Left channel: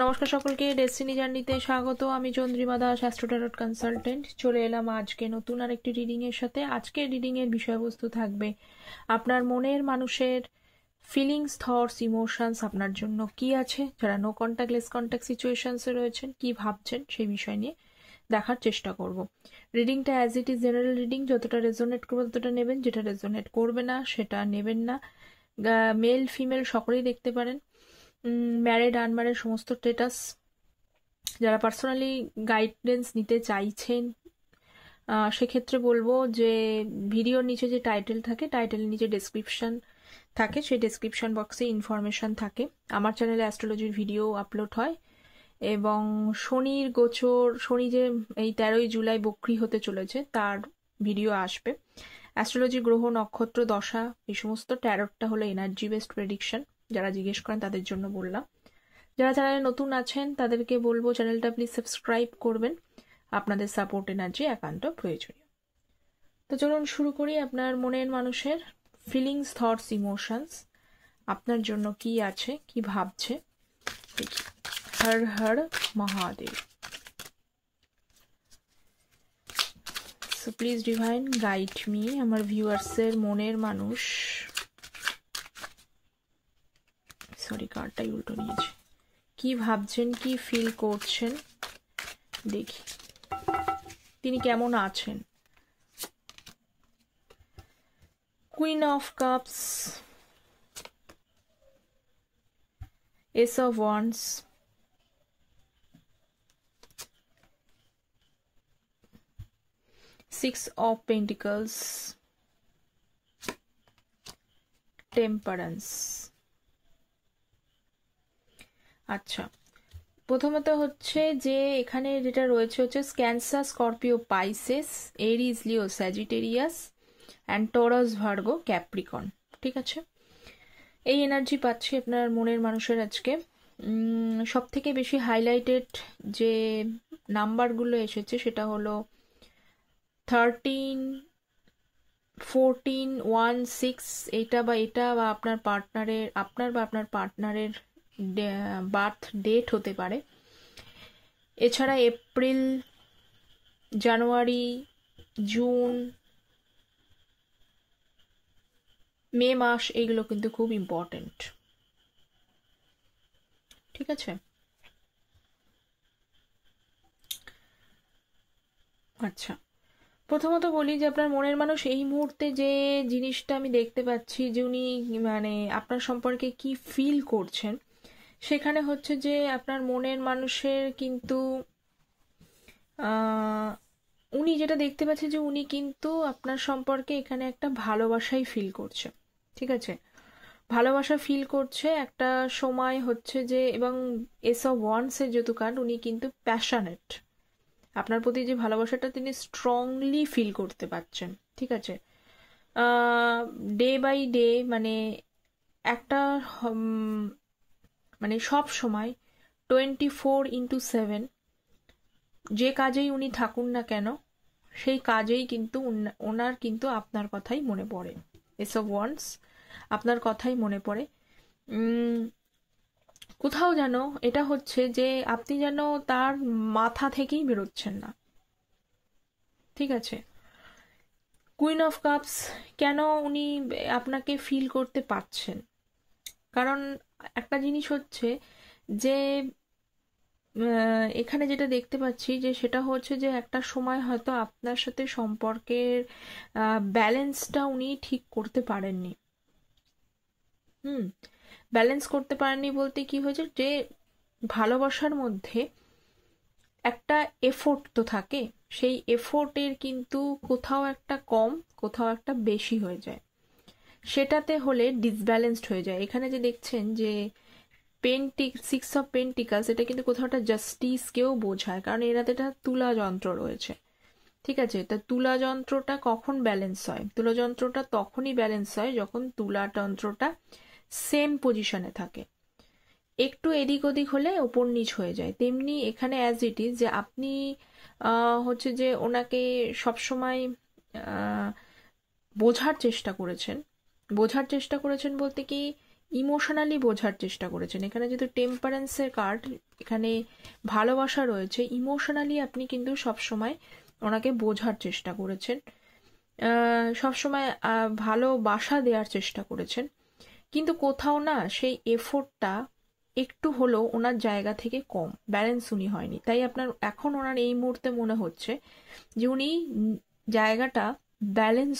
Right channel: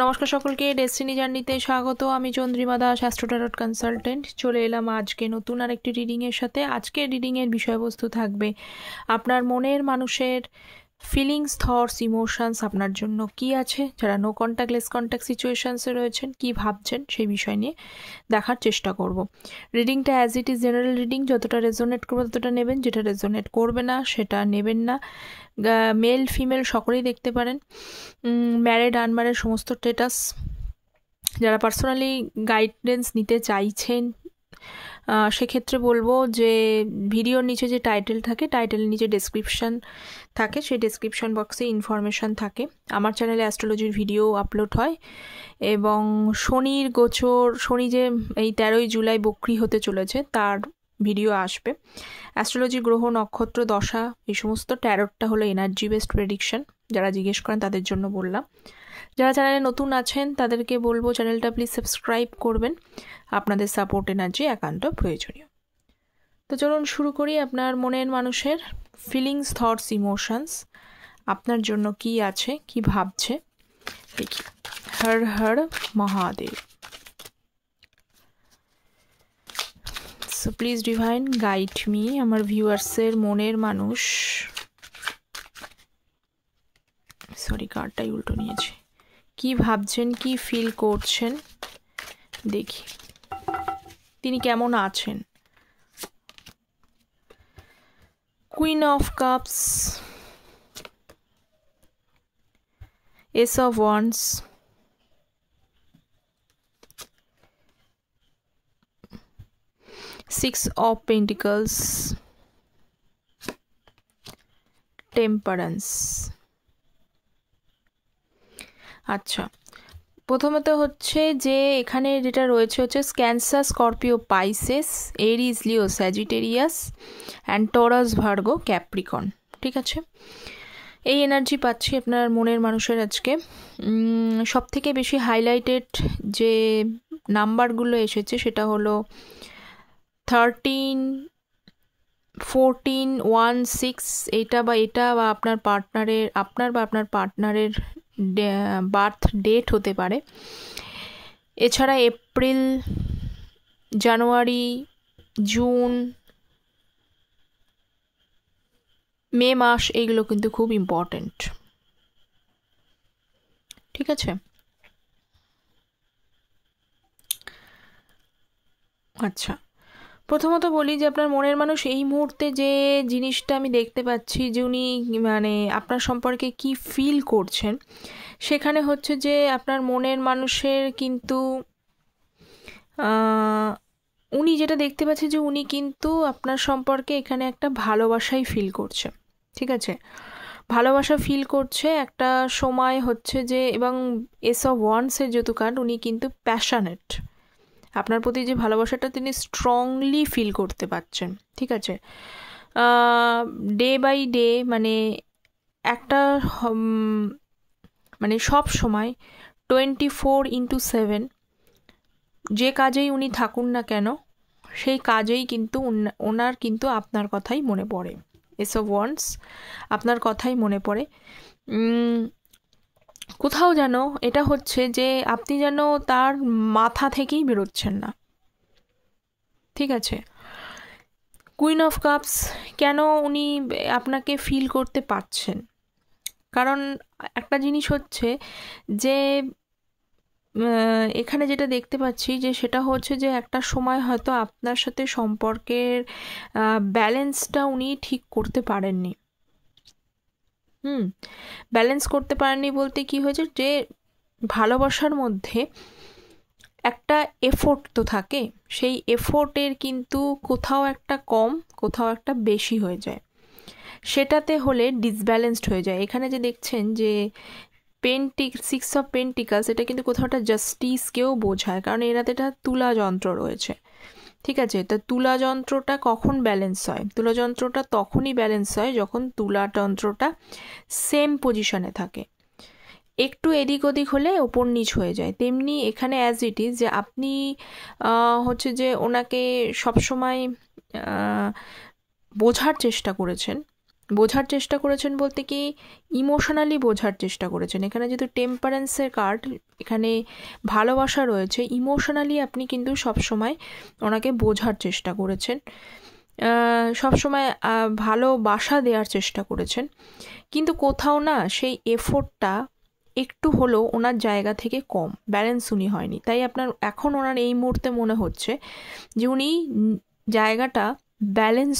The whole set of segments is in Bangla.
নমস্কার সকলকে, ডেস্টিনি জার্নিতে স্বাগত। আমি Chandrima Das, astro tarot consultant. চলে এলাম আজকে নতুন আরেকটি রিডিংয়ের সাথে। আজকের রিডিংয়ের বিষয়বস্তু থাকবে আপনার মনের মানুষের ফিলিংস, থটস, ইমোশনস আপনার জন্য কি আছে, যারা নো কন্ট্যাক্ট লেস কন্ট্যাক্ট সিচুয়েশনসে রয়েছেন কি ভাবছেন সেই বিষয় নিয়ে দেখার চেষ্টা করব। রিডিংটা as it is general reading, যতটা রেজোনেট করবে ততটা নেবেন, যেটা রেজোনেট করবে না সেটা নেবেন না। মেল ফিমেল সকলেই দেখতে পারেন, ম্যারিড আনম্যারিড সমস্ত স্টেটাস। যারা পার্সোনালি গাইডেন্স নিতে চাইছেন সেক্ষেত্রে বলবো যে ভিডিওর নিচে যে টাইটেল থাকে, টাইটেলের নিচে ডেসক্রিপশন থাকে, সেই ডেসক্রিপশন বক্সে ইনফরমেশন থাকে। আমার চ্যানেলে অ্যাস্ট্রোলজির ভিডিও আপলোড হয় এবং শনির গোচর, শনি যে এই 13ই জুলাই বক্রি হতে চলেছে তার ভিডিও আসবে। অ্যাস্ট্রোলজি গ্রহ নক্ষত্র দশা এই সমস্ত, ট্যারোটটা হলো এনার্জি বেসড প্রেডিকশন। যারা জিজ্ঞেস করেন তাদের জন্য বললাম। যারা চ্যানেলে নতুন আছেন তাদেরকে বলবো চ্যানেলটা প্লিজ সাবস্ক্রাইব করবেন, আপনাদের সাপোর্ট এনার্জি একান্ত প্রয়োজনীয়। তো চলুন শুরু করি। আপনার মনের মানুষের ফিলিংস, থটস, ইমোশনস আপনার জন্য কি আছে, কি ভাবছে দেখি। Har Har Mahadev. So please divine guide me, আমার ভিউয়ার্সের মনের মানুষ, সরি কার্ডটাই উল্টো নিয়েছে, কি ভাবছেন, কি ফিল করছেন দেখি, তিনি কেমন আছেন। Queen of cups, ace of wands, six of pentacles, temperance. আচ্ছা, প্রথমত হচ্ছে যে এখানে যেটা রয়েছে হচ্ছে Cancer, Scorpio, Pisces, Aries, Leo, Sagittarius and Taurus, Virgo, Capricorn. ঠিক আছে, এই এনার্জি পাচ্ছি আপনার মনের মানুষের আজকে। সব থেকে বেশি হাইলাইটেড যে নাম্বারগুলো এসেছে সেটা হলো 13, 14, 1, 6। এটা বা আপনার পার্টনারের, আপনার বা আপনার পার্টনারের বার্থ ডেট হতে পারে। এছাড়া এপ্রিল, জানুয়ারি, জুন, মে মাস এইগুলো কিন্তু খুব ইম্পর্টেন্ট। ঠিক আছে, আচ্ছা প্রথমত বলি যে আপনার মনের মানুষ এই মুহূর্তে যে জিনিসটা আমি দেখতে পাচ্ছি যে উনি মানে আপনার সম্পর্কে কি ফিল করছেন, সেখানে হচ্ছে যে আপনার মনের মানুষের কিন্তু উনি যেটা দেখতে পাচ্ছি যে উনি কিন্তু আপনার সম্পর্কে এখানে একটা ভালোবাসাই ফিল করছে। ঠিক আছে, ভালোবাসা ফিল করছে একটা সময় হচ্ছে যে, এবং এস অফ ওয়ান্ডসের যেহেতু কার্ড, উনি কিন্তু প্যাশনেট, আপনার প্রতি যে ভালোবাসাটা তিনি স্ট্রংলি ফিল করতে পারছেন। ঠিক আছে, ডে বাই ডে মানে একটা মানে সব সময় 24/7 যে কাজেই উনি থাকুন না কেন সেই কাজেই কিন্তু ওনার কিন্তু আপনার কথাই মনে পড়ে। এস অফ ওয়ান্ডস, আপনার কথাই মনে পড়ে। কোথাও যেন এটা হচ্ছে যে আপনি যেন তার মাথা থেকেই বেরোচ্ছেন না। ঠিক আছে, কুইন অফ কাপস, কেন উনি আপনাকে ফিল করতে পারছেন, কারণ একটা জিনিস হচ্ছে যে এখানে যেটা দেখতে পাচ্ছি যে সেটা হচ্ছে যে একটা সময় হয়তো আপনার সাথে সম্পর্কের ব্যালেন্সটা উনি ঠিক করতে পারেননি। ব্যালেন্স করতে পারেননি বলতে কি হয়েছে যে ভালোবাসার মধ্যে একটা এফোর্ট তো থাকে, সেই এফোর্টের কিন্তু কোথাও একটা কম, কোথাও একটা বেশি হয়ে যায়, সেটাতে হলে ডিসব্যালেন্সড হয়ে যায়। এখানে যে দেখছেন যে সিক্স অফ পেন্টিকালস, এটা কিন্তু কোথাও একটা জাস্টিসকেও বোঝায়, কারণ এরাতে এটা তুলা যন্ত্র রয়েছে। ঠিক আছে, তা তুলা যন্ত্রটা কখন ব্যালেন্স হয়? তুলা যন্ত্রটা তখনই ব্যালেন্স হয় যখন তুলা যন্ত্রটা সেম পজিশনে থাকে, একটু এদিক ওদিক হলে ওপর নিচ হয়ে যায়। তেমনি এখানে অ্যাজ ইট ইজ যে আপনি হচ্ছে যে ওনাকে সবসময় বোঝার চেষ্টা করেছেন, বোঝার চেষ্টা করেছেন বলতে কি ইমোশনালি বোঝার চেষ্টা করেছেন। এখানে যেহেতু টেম্পারেন্সের কার্ড, এখানে ভালোবাসা রয়েছে, ইমোশনালি আপনি কিন্তু সবসময় ওনাকে বোঝার চেষ্টা করেছেন, সবসময় ভালোবাসা দেওয়ার চেষ্টা করেছেন, কিন্তু কোথাও না সেই এফোর্টটা একটু হলেও ওনার জায়গা থেকে কম, ব্যালেন্স উনি হয়নি। তাই আপনার এখন ওনার এই মুহূর্তে মনে হচ্ছে যে উনি জায়গাটা ব্যালেন্স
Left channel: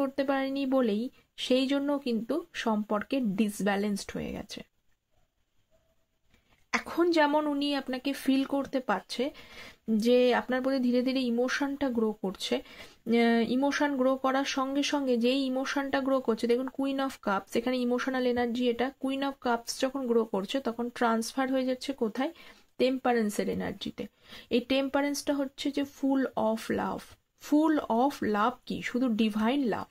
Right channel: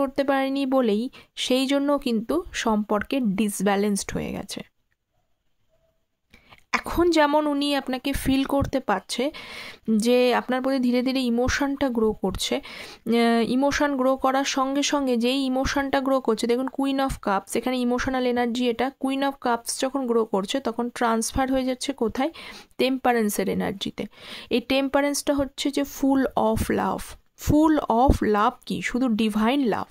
করতে পারেনি বলেই সেই জন্য কিন্তু সম্পর্কে ডিসব্যালেন্সড হয়ে গেছে। এখন যেমন উনি আপনাকে ফিল করতে পারছে যে আপনার প্রতি ধীরে ধীরে ইমোশনটা গ্রো করছে, ইমোশন গ্রো করার সঙ্গে সঙ্গে যেই ইমোশনটা গ্রো করছে, দেখুন কুইন অফ কাপস, এখানে ইমোশনাল এনার্জি, এটা কুইন অফ কাপস যখন গ্রো করছে তখন ট্রান্সফার হয়ে যাচ্ছে কোথায়, টেম্পারেন্সের এনার্জিতে। এই টেম্পারেন্সটা হচ্ছে যে ফুল অফ লাভ কি, শুধু ডিভাইন লাভ।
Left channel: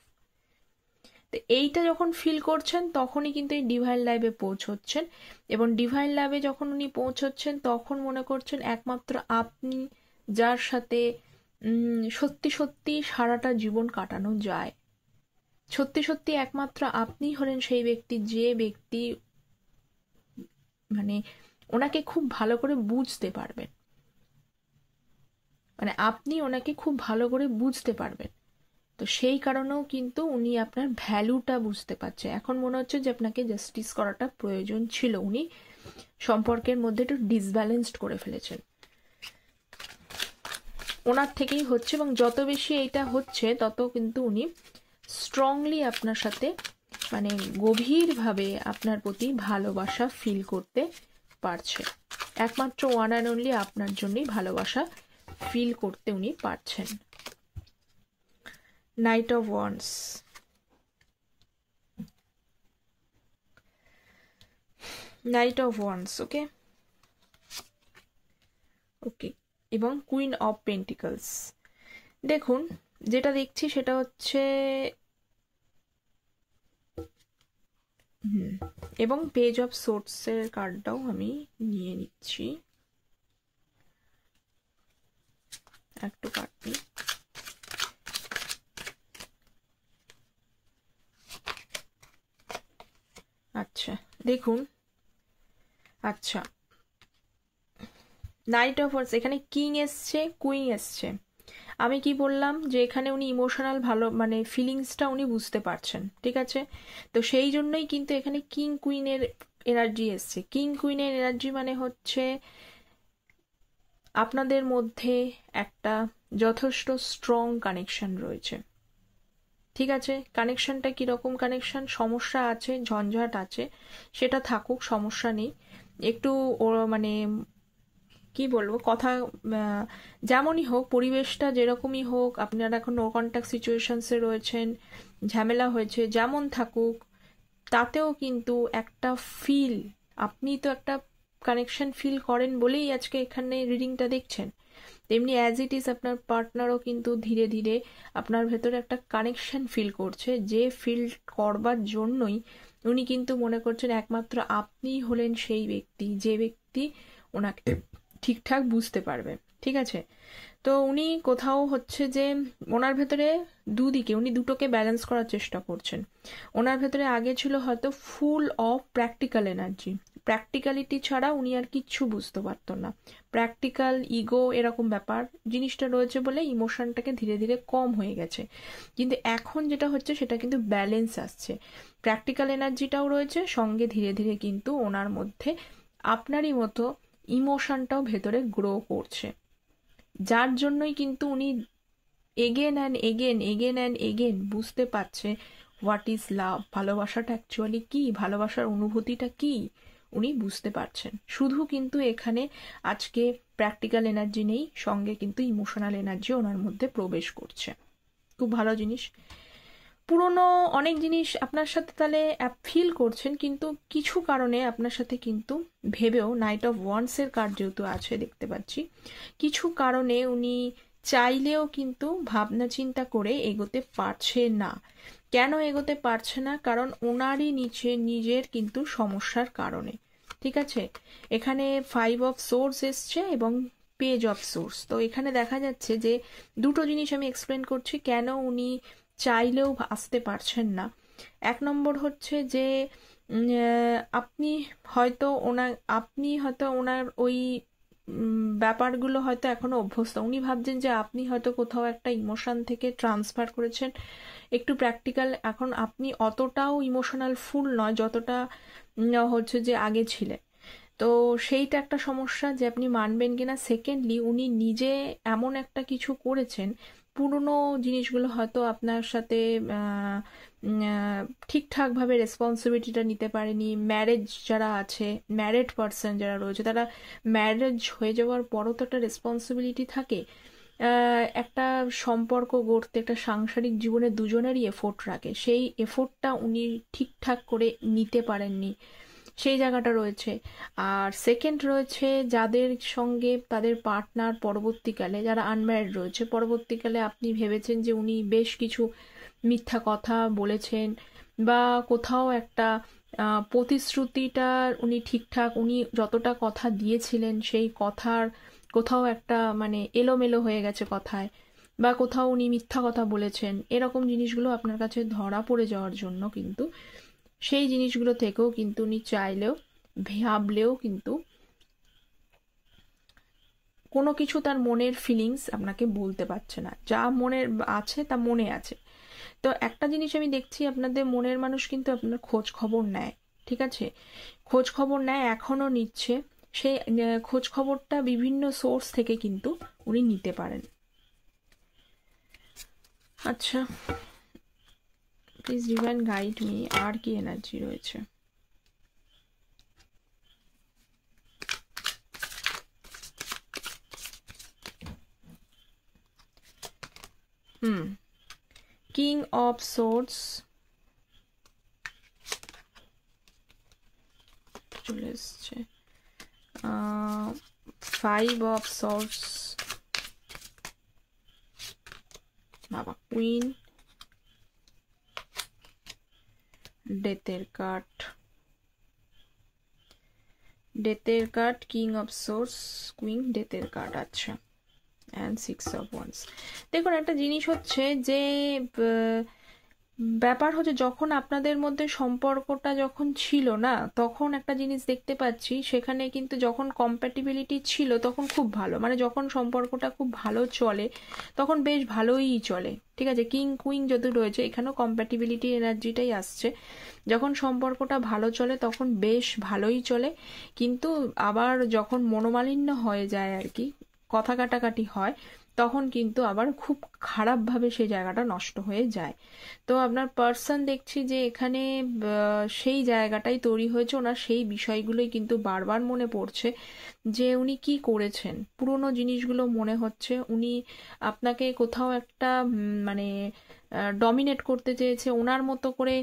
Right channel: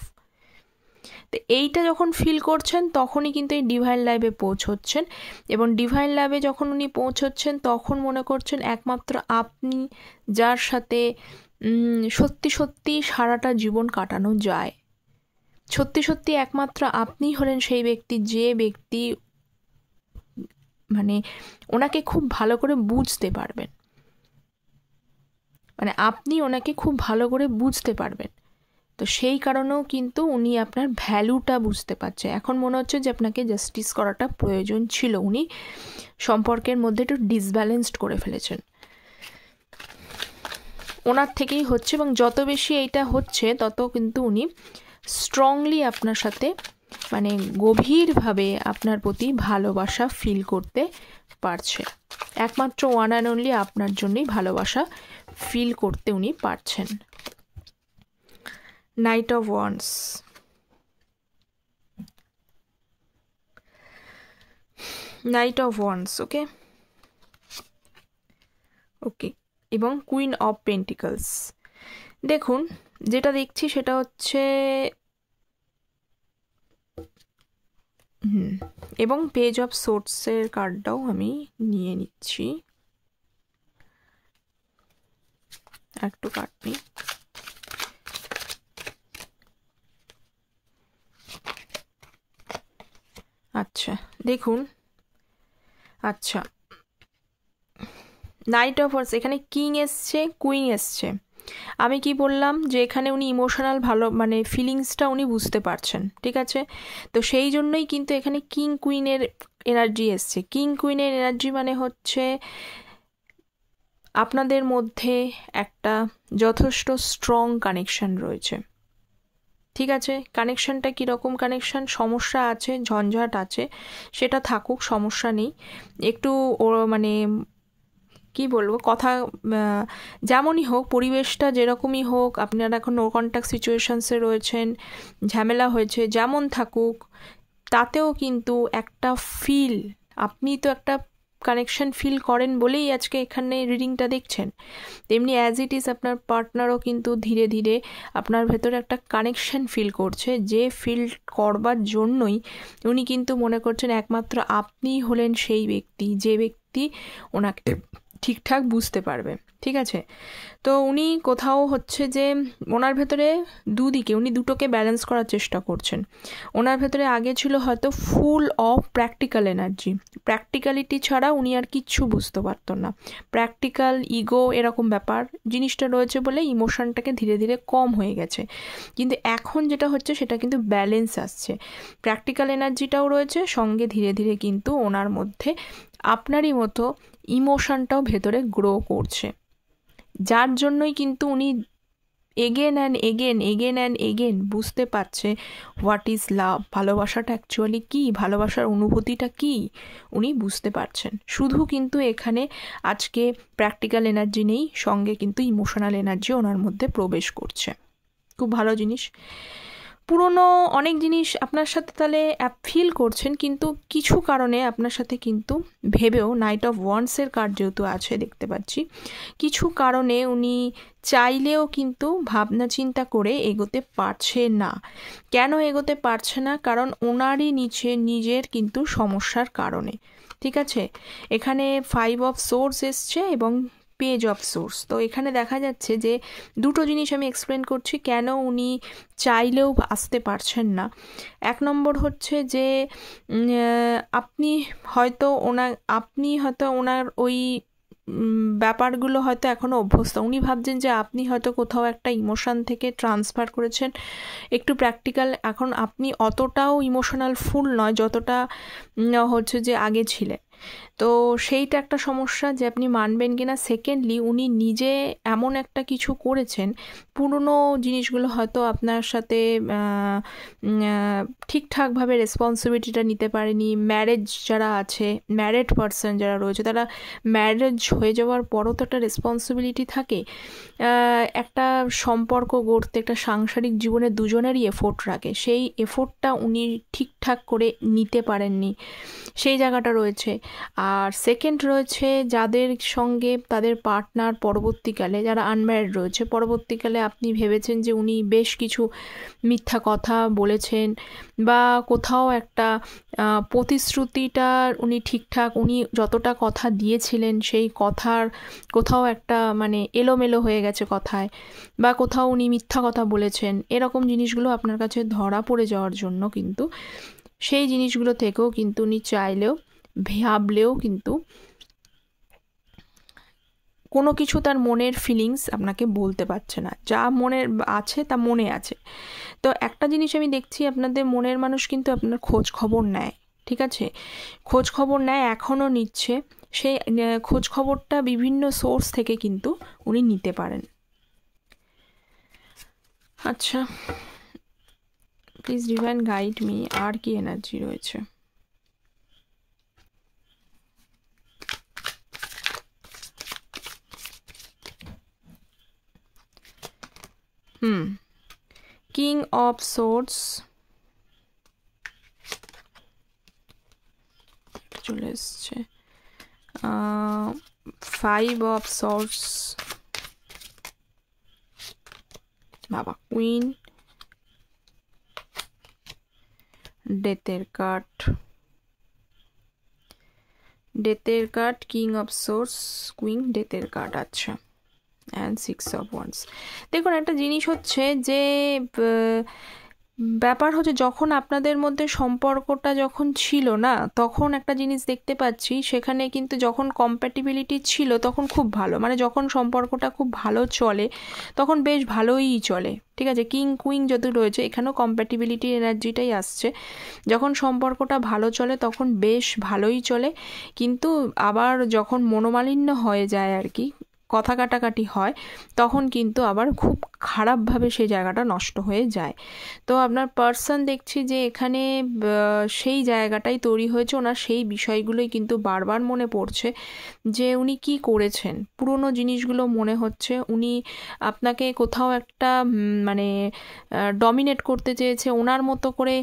তো এইটা যখন ফিল করছেন তখনই কিন্তু এই ডিভাইন লাইভে পৌঁছচ্ছেন, এবং ডিভাইন লাইভে যখন উনি পৌঁছচ্ছেন তখন মনে করছেন একমাত্র আপনি যার সাথে সত্যি সত্যি সারাটা জীবন কাটানো যায়, সত্যি সত্যি একমাত্র আপনি হলেন সেই ব্যক্তি, যে ব্যক্তি মানে ওনাকে খুব ভালো করে বুঝতে পারবেন, মানে আপনি ওনাকে খুব ভালো করে বুঝতে পারবেন। তো সেই কারণেও কিন্তু উনি আপনার ভ্যালুটা বুঝতে পারছে। এখন মনে হচ্ছে যে আপনাকে জাস্টিস করাটা প্রয়োজন ছিল, উনি সম্পর্কের মধ্যে একটু ডিসব্যালেন্সড করে ফেলেছেন, ওনার থেকেই হচ্ছে। এবং যত বেশি এইটা হচ্ছে তত কিন্তু উনি স্ট্রংলি আপনার সাথে মানে গভীরভাবে আপনার প্রতি ভালোবাসা ফিল করতে পারছে, একমাত্র ওয়ান অ্যান্ড অনলি আপনার জন্যই ভালোবাসা ফিল করতে উনি পারছেন। নাইট অফ ওয়ান্ডস, ওকে এবং কুইন অফ পেন্টিকলস। দেখুন যেটা দেখছি সেটা হচ্ছে এবং পেজ অফ সোর্সের কার্ডটাও আমি নিয়ে নিচ্ছি, একটু কার্ড নিই। আচ্ছা দেখুন, আচ্ছা নাইট অফ ওয়ান্ডস, এখানে কিং এসছে, কুইন এসছে। আমি কি বললাম যে এখানে উনি ইমোশনাল ভালো মানে ফিলিংসটা উনি বুঝতে পারছেন, ঠিক আছে। তো সেই জন্যই কিন্তু এখানে কিং কুইনের এনার্জি এসছে। কিং কুইনের এনার্জি মানে হচ্ছে আপনাদের মধ্যে একটা যথেষ্ট স্ট্রং কানেকশন রয়েছে, ঠিক আছে। কানেকশনটা কীরকম কানেকশন, সমস্যা আছে, ঝঞ্ঝাট আছে, সেটা থাকুক, সমস্যা নেই। একটু মানে কি বলবো, কথা যেমনই হোক, পরিবেশটা যেরকমই হোক, আপনারা এখন নো কন্ট্যাক্ট সিচুয়েশনসে রয়েছেন, ঝামেলা হয়েছে, যেমন থাকুক, তাতেও কিন্তু একটা ফিল, আপনি তো একটা কানেকশন ফিল করেন বলেই আজকে এখানে রিডিংটা দেখছেন, তেমনি অ্যাজ ইট ইজ আপনার পার্টনারও কিন্তু ধীরে ধীরে আপনার ভেতরে একটা কানেকশন ফিল করছে, যে ফিল করবার জন্যই উনি কিন্তু মনে করছেন একমাত্র আপনিই হলেন সেই ব্যক্তি, যে ব্যক্তি ওনাকে ঠিকঠাক বুঝতে পারবে, ঠিক আছে। তো উনি কোথাও হচ্ছে যে ওনার ভেতরে দুদিকে, উনি দুটোকে ব্যালেন্স করার চেষ্টা করছেন। ওনার ভেতরে আগে ছিল হয়তো full of practical energy, practicality ছাড়া উনি আর কিচ্ছু বুঝতে পারতেন না, প্র্যাকটিক্যাল ইগো এরকম ব্যাপার জিনিসটা রয়েছে বলে ইমোশনটাকে ধীরে ধীরে কম হয়ে গেছে। কিন্তু এখন যেটা হচ্ছে সেটা কিন্তু ব্যালেন্স আসছে, প্র্যাকটিক্যাল এনার্জিটাও রয়েছে, সঙ্গে ধীরে ধীরে কিন্তু ওনার মধ্যে আপনারই মতো ইমোশনটাও ভেতরে গ্রো করছে, যার জন্যই কিন্তু উনি এগেন অ্যান্ড এগেন বুঝতে পারছে হোয়াট ইজ লাভ, ভালোবাসাটা অ্যাকচুয়ালি কী, ভালোবাসার অনুভূতিটা কী উনি বুঝতে পারছেন। শুধু কিন্তু এখানে আজকে প্র্যাকটিক্যাল এনার্জি নেই, সঙ্গে কিন্তু ইমোশনাল এনার্জি ওনার মধ্যে প্রবেশ করছে, খুব ভালো জিনিস। পুরনো অনেক জিনিস আপনার সাথে তাহলে ফিল করছেন, কিন্তু কিছু কারণে আপনার সাথে কিন্তু ভেবেও, নাইট অফ ওয়ান্ডসের কার্ড যেহেতু আছে দেখতে পাচ্ছি, কিছু কারণে উনি চাইলেও কিন্তু ভাবনা চিন্তা করে এগোতে পারছে না। কেন এগোতে পারছে না? কারণ ওনারই নিজের কিন্তু সমস্যার কারণে, ঠিক আছে। এখানে 5 অফ সোর্স এসছে এবং পেজ অফ সোর্স। তো এখানে দেখা যাচ্ছে যে দুটো জিনিস আমি এক্সপ্লেন করছি কেন উনি চাইলেও আসতে পারছেন না। এক নম্বর হচ্ছে যে আপনি হয়তো ওনার ওই ব্যাপারগুলো হয়তো এখনও অভ্যস্ত। উনি ভাবছেন যে আপনি হয়তো কোথাও একটা ইমোশন থেকে ট্রান্সফার করেছেন একটু প্র্যাকটিক্যাল। এখন আপনি অতটাও ইমোশনাল ফুল নয় যতটা হচ্ছে যে আগে ছিলেন। তো সেইটা একটা সমস্যা যে আপনি মানবেন কিনা। সেকেন্ডলি উনি নিজে এমন একটা কিছু করেছেন, পুরনো জিনিসগুলো হয়তো আপনার সাথে ঠিকঠাকভাবে রেসপন্সিবিলিটিটা নিতে পারেনি। ম্যারেজ যারা আছে, ম্যারিড পার্সন যারা রয়েছে, তারা ম্যারেজ হয়ে যাওয়ার পরও তো একটা রেসপন্সিবিলিটি থাকে। একটা সম্পর্ক গড়তে একটা সাংসারিক জীবনে দুজনেরই এফোর্ট রাখে, সেই এফোর্টটা উনি ঠিকঠাক করে নিতে পারেননি, সেই জায়গাটা রয়েছে। আর সেকেন্ড রয়েছে যাদের সঙ্গে তাদের পার্টনার পরবর্তীকালে, যারা আনম্যারিড রয়েছে, পরবর্তীকালে আপনি ভেবেছেন যে উনি বেশ কিছু মিথ্যা কথা বলেছেন বা কোথাও একটা প্রতিশ্রুতিটা উনি যতটা কথা দিয়েছিলেন সেই কথার কোথাও একটা মানে এলোমেলো হয়ে গেছে কথায়, বা কোথাও উনি মিথ্যা কথা বলেছেন। এরকম জিনিসগুলো আপনার কাছে ধরা পড়ে যাওয়ার জন্য কিন্তু সেই জিনিসগুলো থেকেও কিন্তু উনি চাইলেও ভাবলেও কিন্তু কোনো কিছু তার মনের ফিলিংস আপনাকে বলতে পারছে না। যা মনের আছে তা মনে আছে। তো একটা জিনিস আমি দেখছি, আপনাদের মনের মানুষ কিন্তু আপনার খোঁজ খবর নেয়, ঠিক আছে, খোঁজ খবর নেয়, এখনও নিচ্ছে। সেই খোঁজ খবরটা বিভিন্ন সোর্স থেকে কিন্তু উনি নিতে পারেন। আচ্ছা, প্লিজ ডিভাইন গাইড মি, আর কি এনার্জি রয়েছে? কিং অফ সোর্স চলে এসছে, 5 অফ সোর্স, বাবা কুইন, ডেথের card, king of swords, queen, ডেথের কার্ড। আচ্ছা, অ্যান্ড 6 অফ ওয়ান্স। দেখুন একটা জিনিস হচ্ছে যে ব্যাপার হচ্ছে যখন আপনাদের মধ্যে সম্পর্কটা যখন ছিল না, তখন একটা জিনিস দেখতে পাচ্ছি, সেখানে কিন্তু যখন কম্প্যাটিবিলিটি ছিল তখন খুব ভালো, মানে যখন সম্পর্কটা খুব ভালো চলে তখন বেশ ভালোই চলে, ঠিক আছে। কিং কুইন যত রয়েছে এখানেও কম্প্যাটিবিলিটি এনার্জিটাই আসছে। যখন সম্পর্কটা ভালো চলে তখন বেশ ভালোই চলে, কিন্তু আবার যখন মনোমালিন্য হয়ে যায় আর কি, কথা কাটাকাটি হয়, তখন কিন্তু আবার খুব খারাপভাবে সেই জায়গাটা নষ্ট হয়ে যায়। তো আপনার পার্সন দেখছি যে এখানে সেই জায়গাটাই তৈরি হয়েছে, ওনার সেই বিষয়গুলোই কিন্তু বারবার মনে পড়ছে যে উনি কি করেছেন। পুরনো জিনিসগুলো মনে হচ্ছে, উনি আপনাকে কোথাও একটা মানে ডমিনেট করতে চেয়েছে, ওনার মতো করে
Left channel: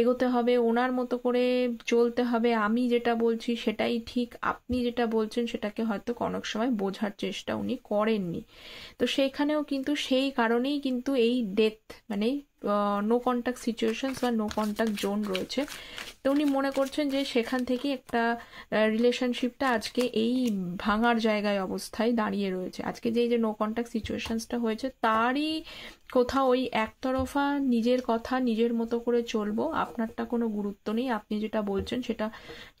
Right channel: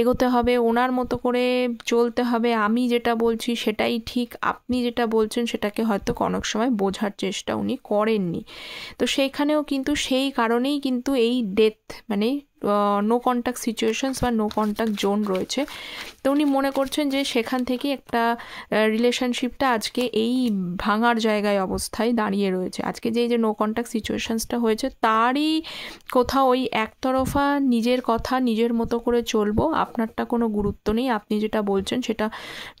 এগোতে হবে, ওনার মতো করে চলতে হবে, আমি যেটা বলছি সেটাই ঠিক, আপনি যেটা বলছেন সেটাকে হয়তো অনেক সময় বোঝার চেষ্টা উনি করেননি। তো সেইখানেও কিন্তু সেই কারণেই কিন্তু এই ডেথ মানে নো কন্ট্যাক্ট সিচুয়েশনস বা নো কন্ট্যাক্ট জোন রয়েছে। তো উনি মনে করছেন যে সেখান থেকে একটা রিলেশনশিপটা আজকে এই ভাঙার জায়গায় অবস্থায় দাঁড়িয়ে রয়েছে। আজকে যে নো কন্ট্যাক্ট সিচুয়েশনসটা হয়েছে তারই কোথাও ওই একতরফা নিজের কথা নিজের মতো করে চলবো, আপনারটা কোনো গুরুত্ব নেই, আপনি যেটা বলছেন সেটা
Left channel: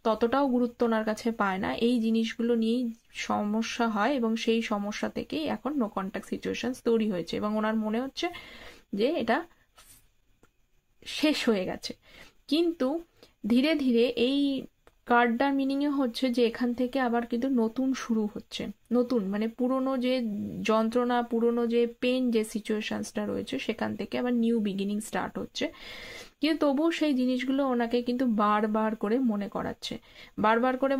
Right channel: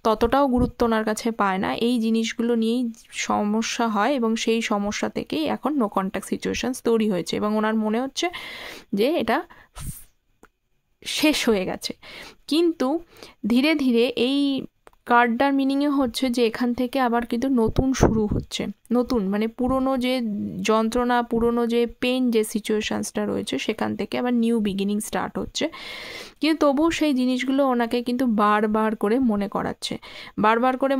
ততটাও গুরুত্ব ওনার কাছে পায় না, এই জিনিসগুলো নিয়েই সমস্যা হয় এবং সেই সমস্যা থেকেই এখন নো কন্ট্যাক্ট সিচুয়েশনস তৈরি হয়েছে এবং ওনার মনে হচ্ছে যে এটা শেষ হয়ে গেছে। কিন্তু ধীরে ধীরে এই কার্ডটার মিনিংয়ে হচ্ছে যে এখান থেকে আবার কিন্তু নতুন শুরু হচ্ছে, নতুন মানে পুরনো যে যন্ত্রণা, পুরনো যে পেন, যে সিচুয়েশনসটা রয়েছে সেখান থেকে আবার নিউ বিগিনিং স্টার্ট হচ্ছে। কিন্তু তবুও সেই জিনিসগুলো ওনাকে কিন্তু বারবার করে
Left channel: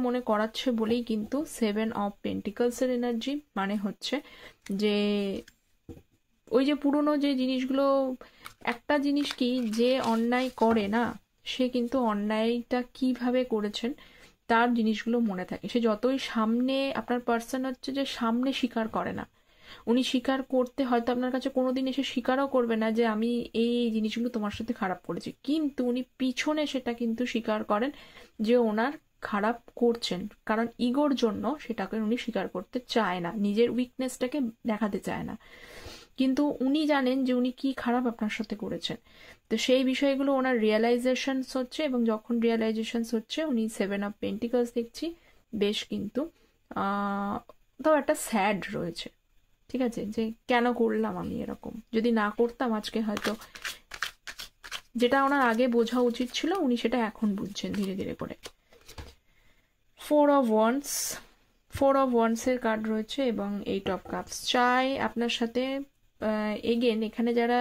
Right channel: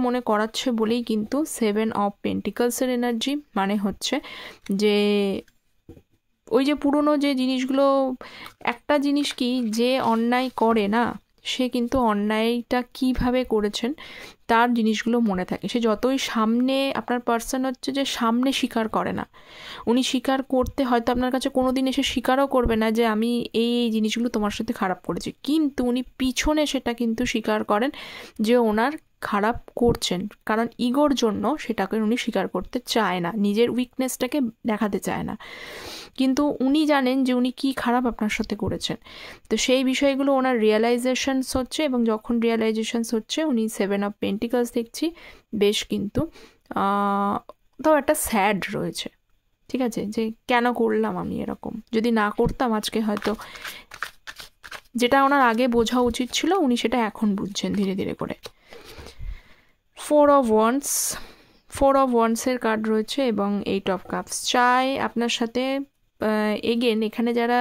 মনে করাচ্ছে বলেই কিন্তু 7 অফ পেন্টিকলসের এনার্জি, মানে হচ্ছে যে ওই যে পুরনো যে জিনিসগুলো, একটা জিনিস কি, যে অন্যায় করে না সে কিন্তু অন্যায়টা কিভাবে করেছেন তার জিনিসগুলো মনে থাকে। সে যতই সামনে, আপনার পার্সন হচ্ছে যে সামনে স্বীকার করে না, উনি স্বীকার করতে হয়তো আপনার কাছে কোনোদিন এসে স্বীকারও করবে না যে আমি এই জিনিসগুলো তোমার সাথে খারাপ করেছি, কিন্তু উনি পিছনে সেটা কিন্তু স্বীকার করেন যে ওনার খারাপ করছেন, কারণ ইগোর জন্য সেটাকে উনি স্বীকার করতে চায় না, নিজের উইকনেসটাকে দেখাতে চায় না, কিন্তু উনি জানেন যে উনি কি খারাপ আপনার সাথে করেছেন। তো সেই বিষয়গুলো ওনার রিয়েলাইজেশনস হচ্ছে, এবং যখন রিয়েলাইজেশনস হচ্ছে উনি 7 অফ পেন্টিকলস দেখছি, বেশ কিন্তু তো একটা স্যাড রয়েছে, ঠিক আছে, যে কেন করলাম আমি এরকম, যদি না করতাম আজকে হয়তো, যেটা ওনার আগে বোঝা উচিত ছিল উনি সেটা এখন বুঝছেন ধীরে ধীরে করে। 4 অফ ওয়ান্ডসের কার্ড রয়েছে এবং 8 অফ কাপস। চাই আপনার সাথে এগেন এখানে যারা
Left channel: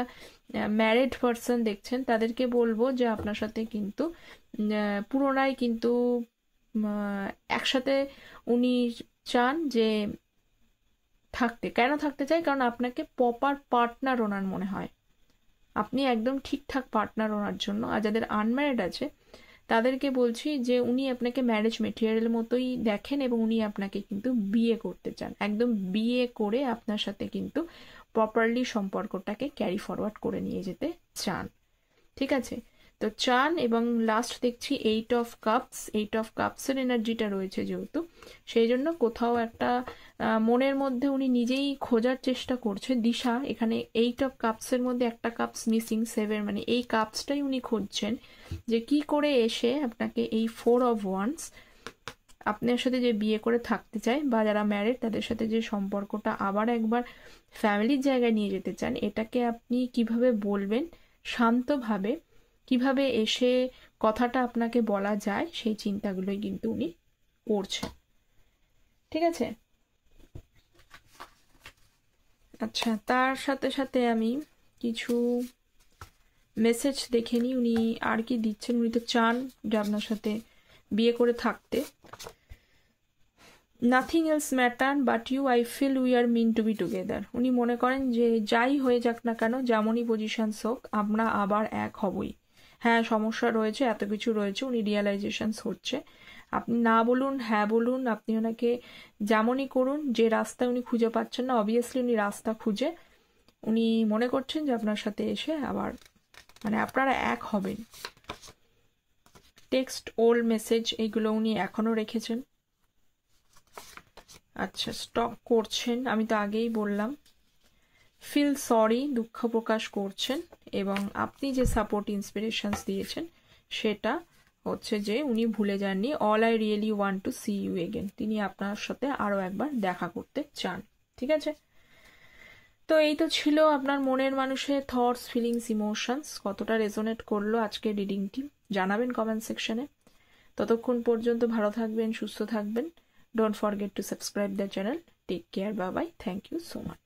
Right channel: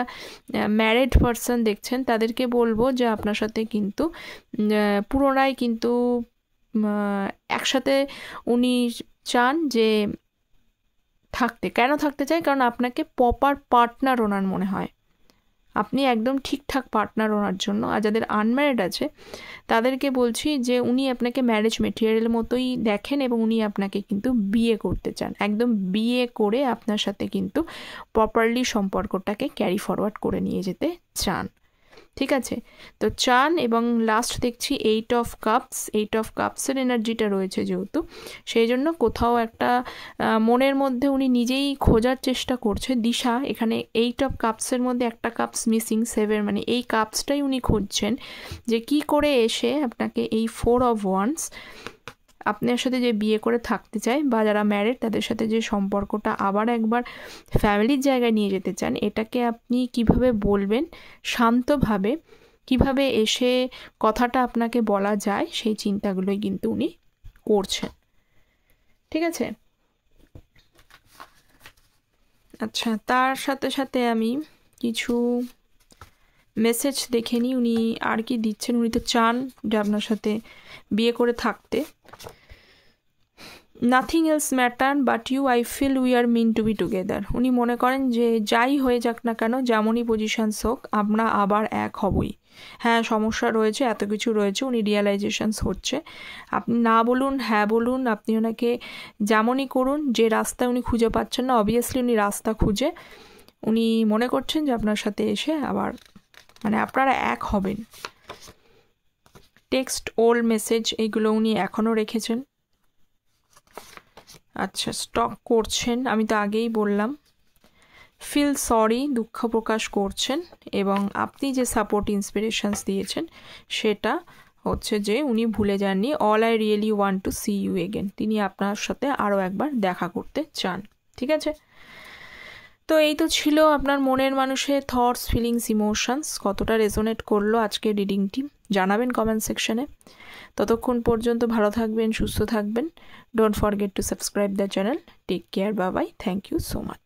ম্যারিড পারসন দেখছেন তাদেরকে বলবো যে আপনার সাথে কিন্তু পুনরায় কিন্তু একসাথে উনি চান যে থাকতে। কেন থাকতে চাই? কারণ আপনাকে প্রপার পার্টনার ওনার মনে হয়, আপনি একদম ঠিকঠাক পার্টনার ওনার জন্য। আর যাদের আনম্যারিড আছে তাদেরকে বলছি যে উনি আপনাকে ম্যারেজ মেটেরিয়াল মতোই দেখেন, এবং উনি আপনাকে কিন্তু বিয়ে করতে চান, একদম বিয়ে করে আপনার সাথে কিন্তু প্রপারলি সম্পর্কটাকে ক্যারি ফরওয়ার্ড করে নিয়ে যেতে চান, ঠিক আছে? তো চান। এবং লাস্ট দেখছি 8 অফ কাপসের এনার্জিটা রয়েছে যেহেতু, সেই জন্য কোথাও একটা মনের মধ্যে উনি নিজেই খোঁজার চেষ্টা করছে দিশা। এখানে 8 অফ কাপসের মধ্যে একটা কাপস মিসিং, 7, মানে এই কাপসটাই উনি খুঁজছেন যে কি করে এসে আপনাকে এই 4 অফ ওয়ান্ডস আপনার সাথে যে বিয়ে করে থাকতে চায়, বা যারা ম্যারিড তাদের সাথে যে সম্পর্কটা আবার একবার ফ্যামিলির জায়গায় নিয়ে যেতে চান, এটাকে আপনি কিভাবে বলবেন শান্তভাবে, কিভাবে এসে কথাটা আপনাকে বলা যায়, সেই চিন্তাগুলোই কিন্তু উনি করছেন, ঠিক আছে? আচ্ছা, তার সাথে সাথে আমি কিছু মেসেজ দেখে নিই উনি আর কি দিচ্ছেন। উনি তো চান যে আপনার সাথে বিয়ে করে থাকতে। Nothing else matter but you, I feel we are meant to be together. উনি মনে করেন যে যাই হয়ে যাক না কেন, যেমনই পজিশনস হোক, আমরা আবার এক হবই। হ্যাঁ, সমস্যা রয়েছে, এত কিছু রয়েছে, উনি রিয়েলাইজেশনস হচ্ছে। আপনি না বলুন, হ্যাঁ বলুন, আপনি ওনাকে যেমনই করুন, যে রাস্তায় উনি খুঁজে পাচ্ছেন না, অবভিয়াসলি উনি রাস্তা খুঁজে উনি মনে করছেন যে আপনার সাথে এসে আবার মানে আপনারা এক হবেন। টেক্সট, ওল্ড মেসেজ, এইগুলো উনি এখনও রেখেছেন। আচ্ছা, স্টক করছেন, আমি তো আগেই বললাম। ফিল সরি, দুঃখ প্রকাশ করছেন, এবং আপনি যে সাপোর্ট ইন্সপিরেশনস দিয়েছেন সেটা হচ্ছে যে উনি ভুলে যাননি। All I really want to see you again, তিনি আপনার সাথে আরও একবার দেখা করতে চান, ঠিক আছে? তো এই তো ছিল আপনার মনের মানুষের থটস, ফিলিংস, ইমোশনস। কতটা রেজোনেট করলো আজকের রিডিংটি জানাবেন কমেন্ট সেকশনে। ততক্ষণ পর্যন্ত ভালো থাকবেন, সুস্থ থাকবেন। Don't forget to subscribe the channel. Take care, bye bye, thank you so much.